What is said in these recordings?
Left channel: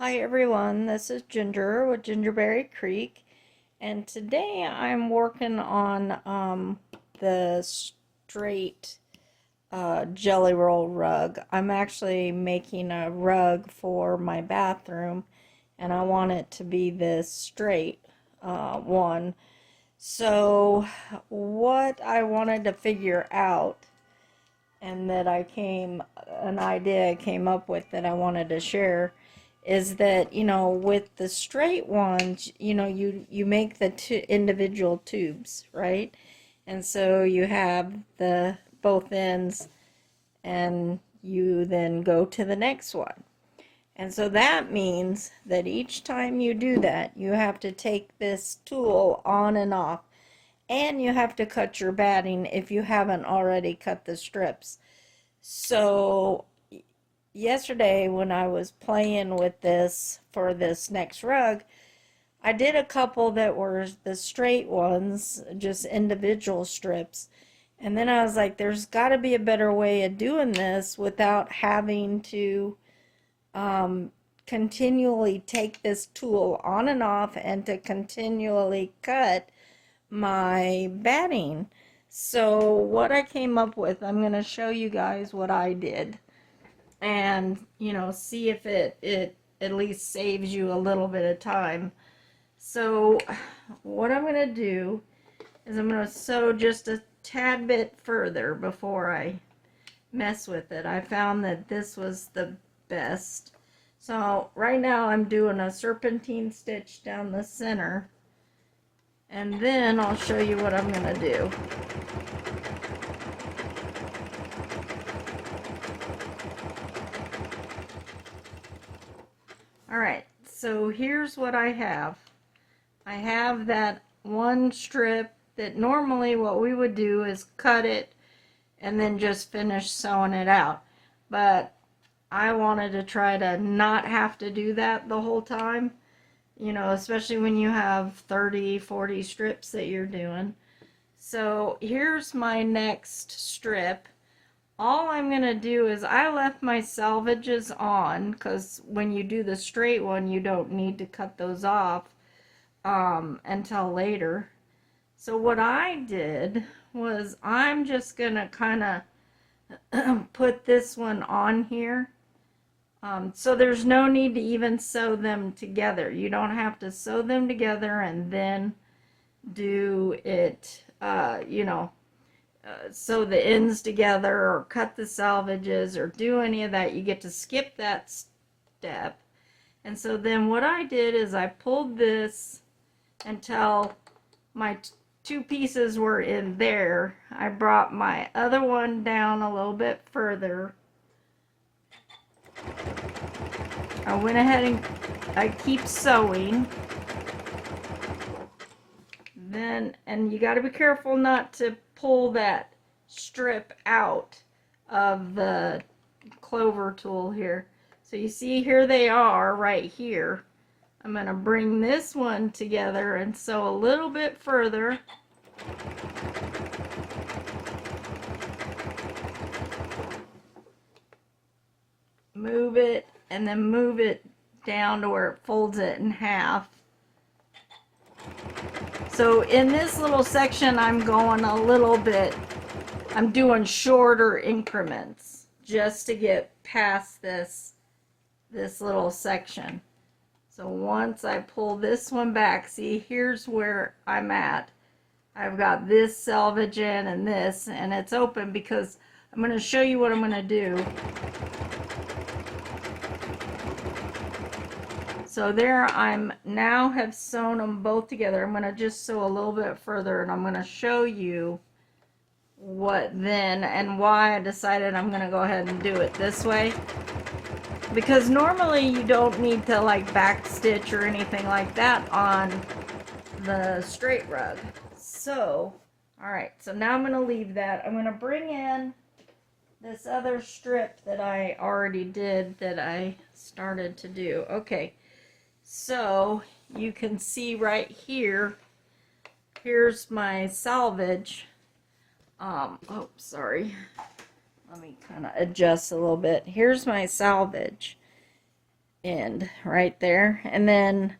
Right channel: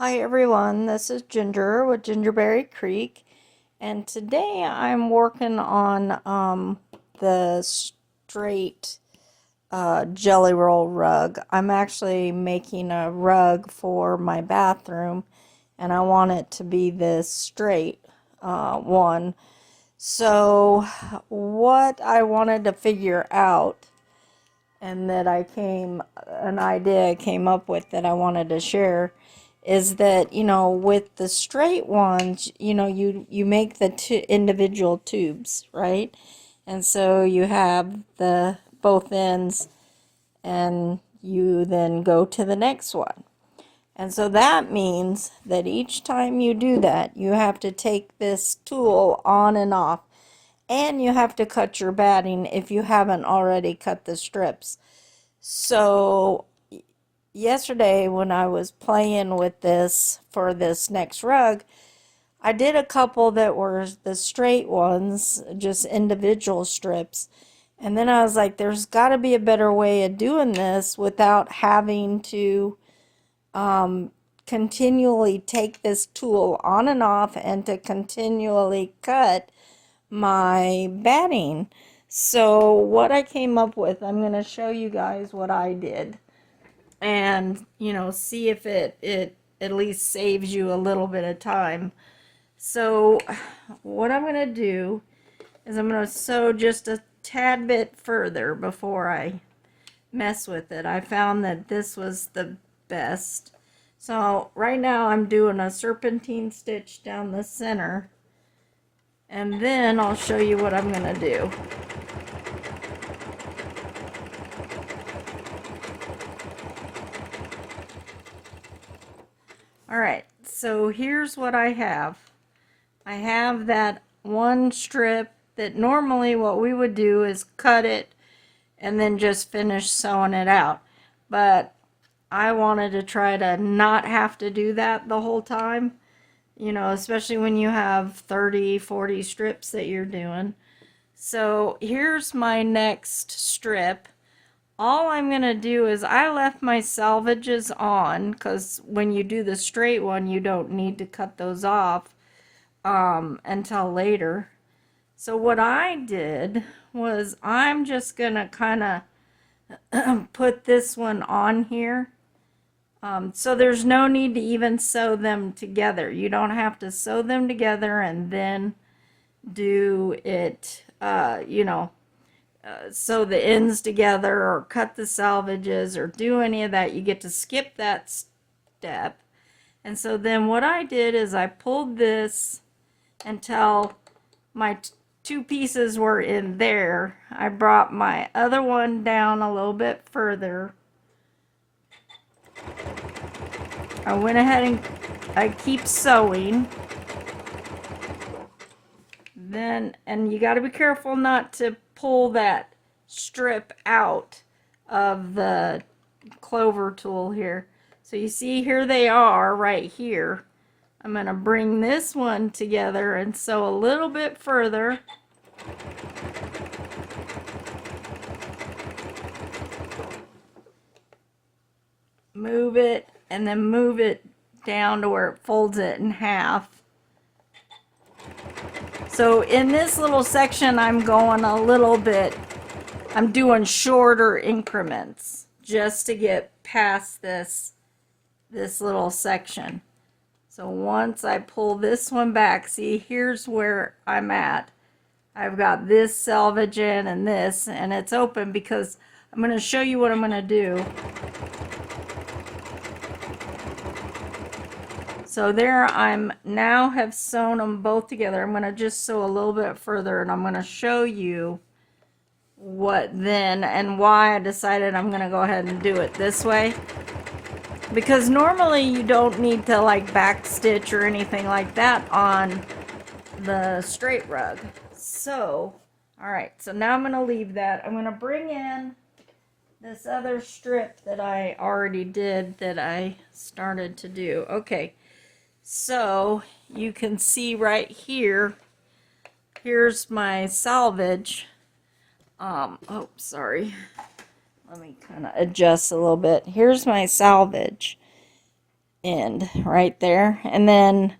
Hi everyone, this is Ginger with Gingerberry Creek, and today I'm working on the straight jelly roll rug. I'm actually making a rug for my bathroom, and I want it to be this straight one. So what I wanted to figure out, and that an idea I came up with that I wanted to share, is that with the straight ones, you make the two individual tubes, right? And so you have the both ends, and you then go to the next one. And so that means that each time you do that, you have to take this tool on and off, and you have to cut your batting if you haven't already cut the strips. So yesterday when I was playing with this for this next rug, I did a couple that were the straight ones, just individual strips. And then I was like, there's got to be a better way of doing this without having to continually take this tool on and off and to continually cut my batting. So what I came up with, I'm going to show you guys what I did, and see if it at least saves you a little bit of time. So what I'm going to do is I'm going to sew just a tad bit further before I mess with it. I found that this was the best. So right now I'm doing a serpentine stitch down the center, and then I'll show you what I'm going to do. Alright, so here's what I have. I have that one strip that normally what we would do is cut it and then just finish sewing it out. But I wanted to try to not have to do that the whole time, especially when you have 30, 40 strips that you're doing. So here's my next strip. All I'm going to do is I left my salvages on because when you do the straight one, you don't need to cut those off until later. So what I did was I'm just going to kind of put this one on here. So there's no need to even sew them together. You don't have to sew them together and then do it, sew the ends together or cut the salvages or do any of that. You get to skip that step. And so then what I did is I pulled this until my two pieces were in there. I brought my other one down a little bit further. I went ahead and I keep sewing. Then, and you got to be careful not to pull that strip out of the Clover tool here. So you see here they are right here. I'm going to bring this one together and sew a little bit further. Move it and then move it down to where it folds it in half. So in this little section I'm going a little bit, I'm doing shorter increments just to get past this little section. So once I pull this one back, see, here's where I'm at. I've got this selvage in and this, and it's open because I'm going to show you what I'm going to do. So there I'm now have sewn them both together. I'm going to just sew a little bit further, and I'm going to show you what then and why I decided I'm going to go ahead and do it this way. Because normally you don't need to like back stitch or anything like that on the straight rug. So, alright, so now I'm going to leave that. I'm going to bring in this other strip that I already did that I started to do. Okay, so you can see right here, here's my salvage. Oh, sorry. Let me kind of adjust a little bit. Here's my salvage. end right there. And then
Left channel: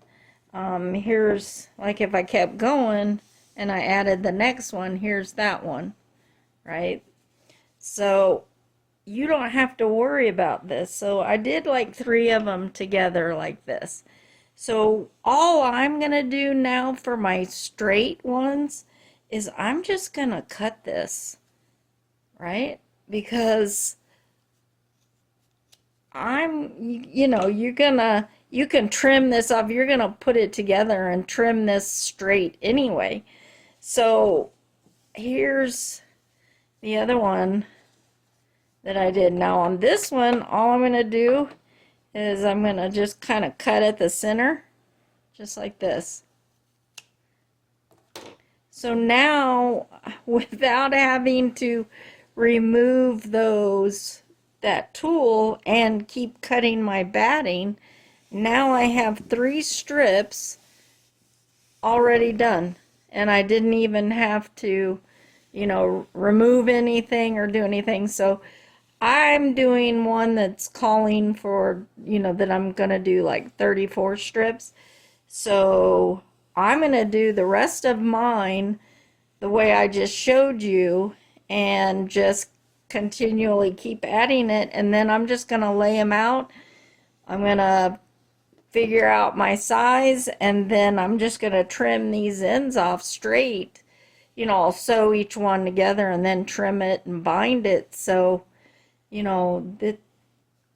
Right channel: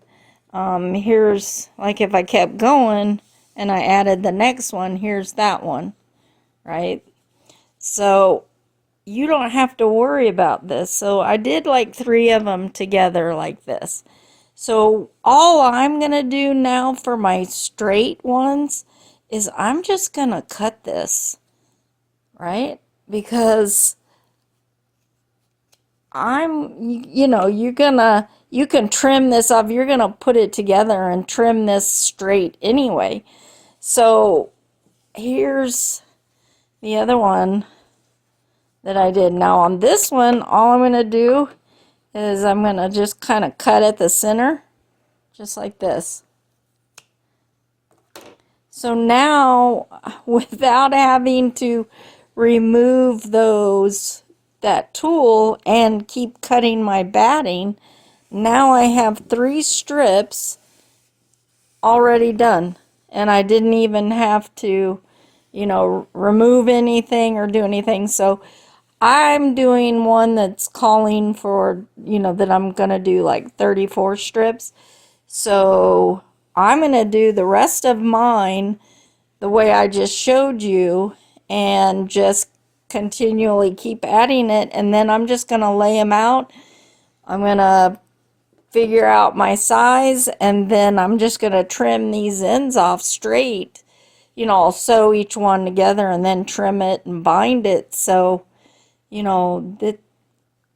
here's, like, if I kept going and I added the next one, here's that one, right? So you don't have to worry about this. So I did like 3 of them together like this. So all I'm gonna do now for my straight ones is I'm just gonna cut this, right? Because you know, you can trim this off. You're gonna put it together and trim this straight anyway. So here's the other one that I did. Now on this one, all I'm gonna do is I'm gonna just kind of cut at the center, just like this. So now, without having to remove that tool and keep cutting my batting, now I have 3 strips already done. And I didn't even have to, you know, remove anything or do anything. So I'm doing one that's calling for, you know, that I'm going to do like 34 strips. So I'm going to do the rest of mine the way I just showed you and just continually keep adding it. And then I'm just going to lay them out. I'm going to figure out my size, and then I'm just going to trim these ends off straight. You know, I'll sew each one together and then trim it and bind it. So, you know,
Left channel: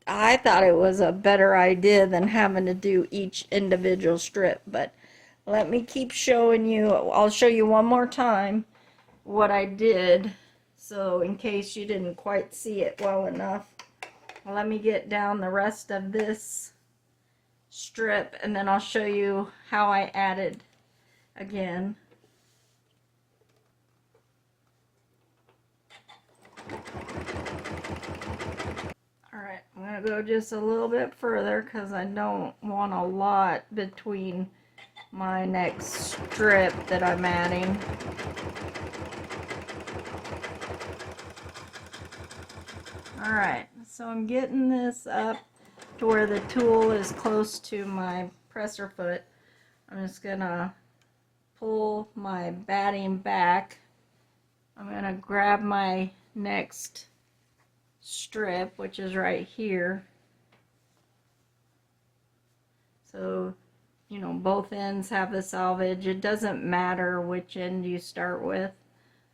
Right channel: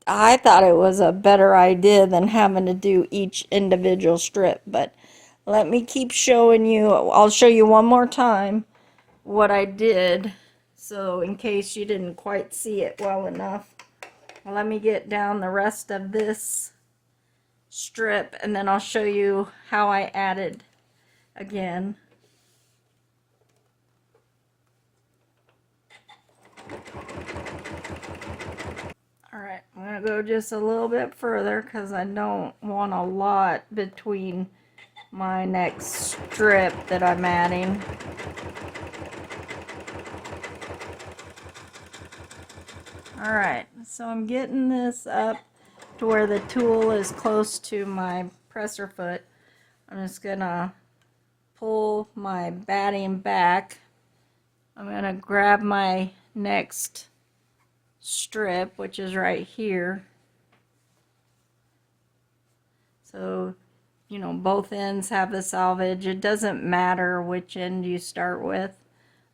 I thought it was a better idea than having to do each individual strip. But let me keep showing you. I'll show you one more time what I did, so in case you didn't quite see it well enough. Well, let me get down the rest of this strip, and then I'll show you how I added again. Alright, I'm going to go just a little bit further because I don't want a lot between my next strip that I'm adding. Alright, so I'm getting this up to where the tool is close to my presser foot. I'm just gonna pull my batting back. I'm gonna grab my next strip, which is right here. So, you know, both ends have the selvage. It doesn't matter which end you start with.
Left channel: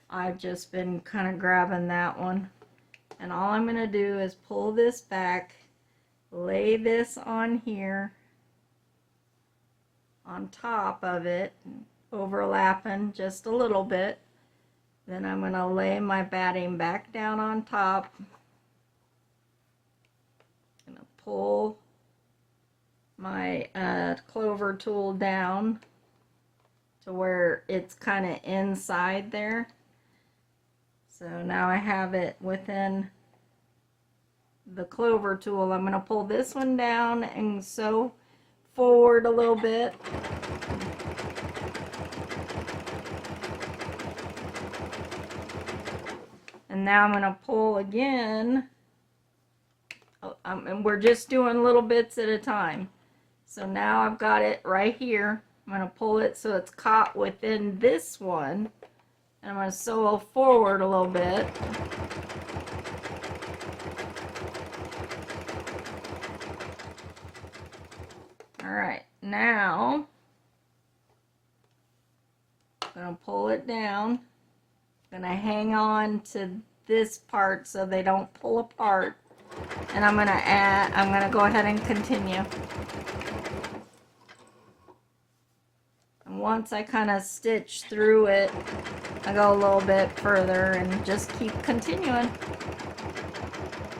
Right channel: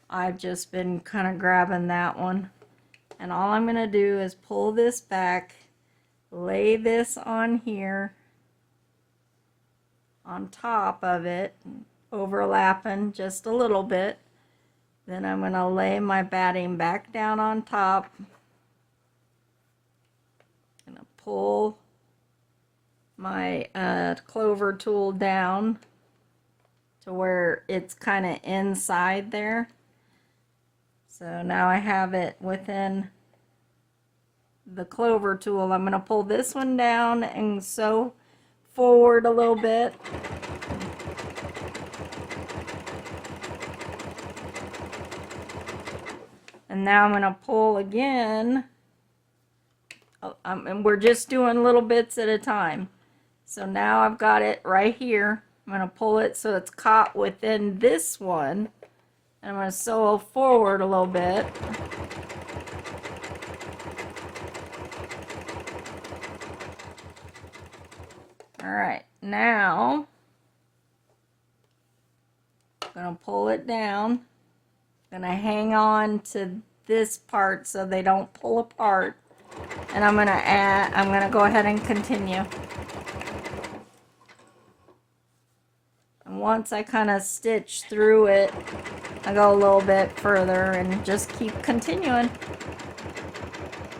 I've just been kind of grabbing that one. And all I'm going to do is pull this back, lay this on here, on top of it, overlapping just a little bit. Then I'm going to lay my batting back down on top. I'm going to pull my Clover Tool down to where it's kind of inside there. So now I have it within the Clover Tool. I'm going to pull this one down and sew forward a little bit. And now I'm going to pull again. And we're just doing little bits at a time. So now I've got it right here. I'm going to pull it so it's caught within this one. And I'm going to sew forward a little bit. Alright, now I'm going to pull it down. I'm going to hang on to this part so they don't pull apart. And I'm going to go ahead and continue. And once I kind of stitch through it, I go a little bit further and just keep continuing.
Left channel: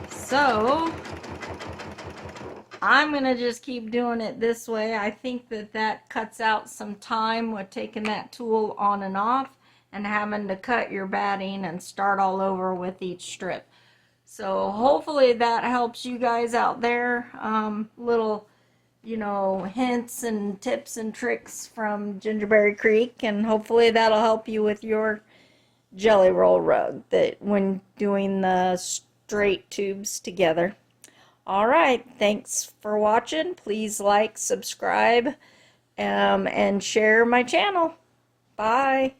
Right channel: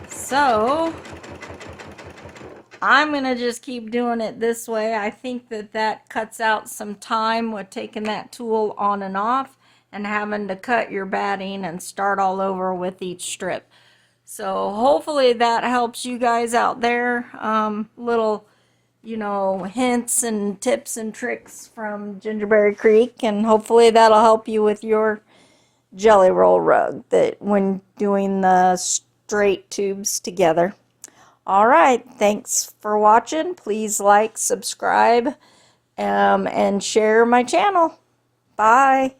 So I'm going to just keep doing it this way. I think that cuts out some time with taking that tool on and off and having to cut your batting and start all over with each strip. So hopefully that helps you guys out there. Little, you know, hints and tips and tricks from Gingerberry Creek, and hopefully that'll help you with your jelly roll rug that when doing the straight tubes together. All right, thanks for watching. Please like, subscribe, and share my channel. Bye.